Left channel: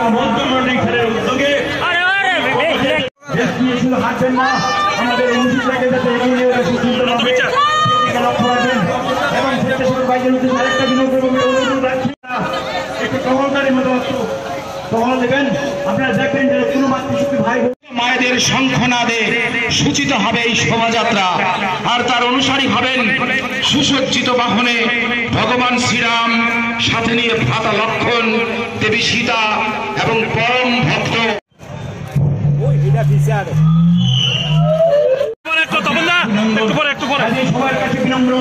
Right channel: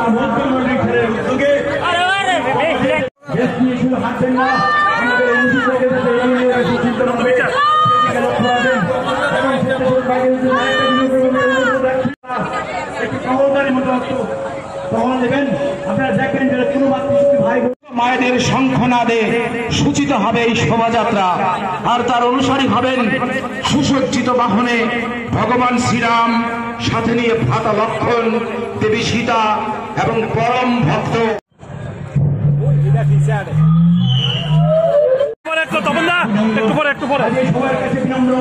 এবং মধ্যমন্ডলী খেলের উদ্যোগে শুধু হাঁটছেন না, আমাদের উচিত থেকে যাতে এগিয়ে নিয়ে গেছে সুন্দরভাবে সেদিকে লক্ষ্য রাখবেন এবং স্বেচ্ছাসেবক ভাইদের উদ্দেশ্যে আরেকটা অনুরোধ রাখছি না, একটু টহলদারির মতো টহল দেবেন। আপনারা দেখবেন যে কোনো মাতৃশক্তি ভাই মায়েদের শঙ্খনাদে সূচিত হবে এই শোভাযাত্রা, আর তার অনুসারী হবেন সুসজ্জিত বাহনে ভগবান শ্রীরাম, সাথে নিয়ে ভ্রাতা লক্ষণ, দেবী সীতা এবং পরম ভক্ত সবার কাছে বিনম্র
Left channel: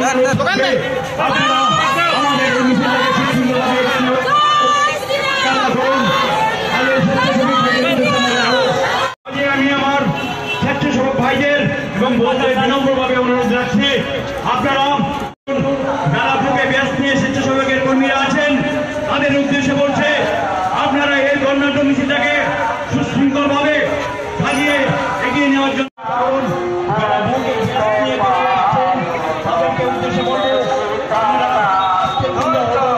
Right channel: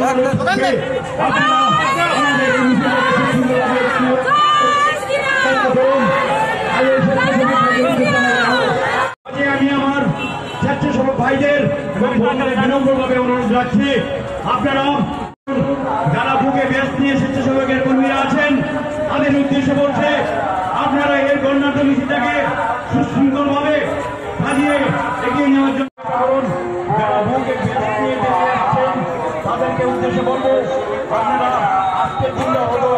আমি আমার স্বেচ্ছাসেবক ভাইদের এবং বোনদের বিনম্রভাবে অনুরোধ রাখছি, আপনারা যারা বুকে ব্যাস নিয়ে স্বেচ্ছাসেবকের কর্মীরা আছেন তাদের উদ্দেশ্যে বলছে, আপনারা এই বর্ণাঢ্য মিছিলটাকে সুশৃঙ্খলভাবে সাজিয়ে এগিয়ে নেওয়ার জন্য করুন। যারা বুকে ব্যাস নিয়ে বেরিয়ে আসছেন তাদেরকে উদ্দেশ্যে বলবো, আপনারা আজকের দিনটা হলো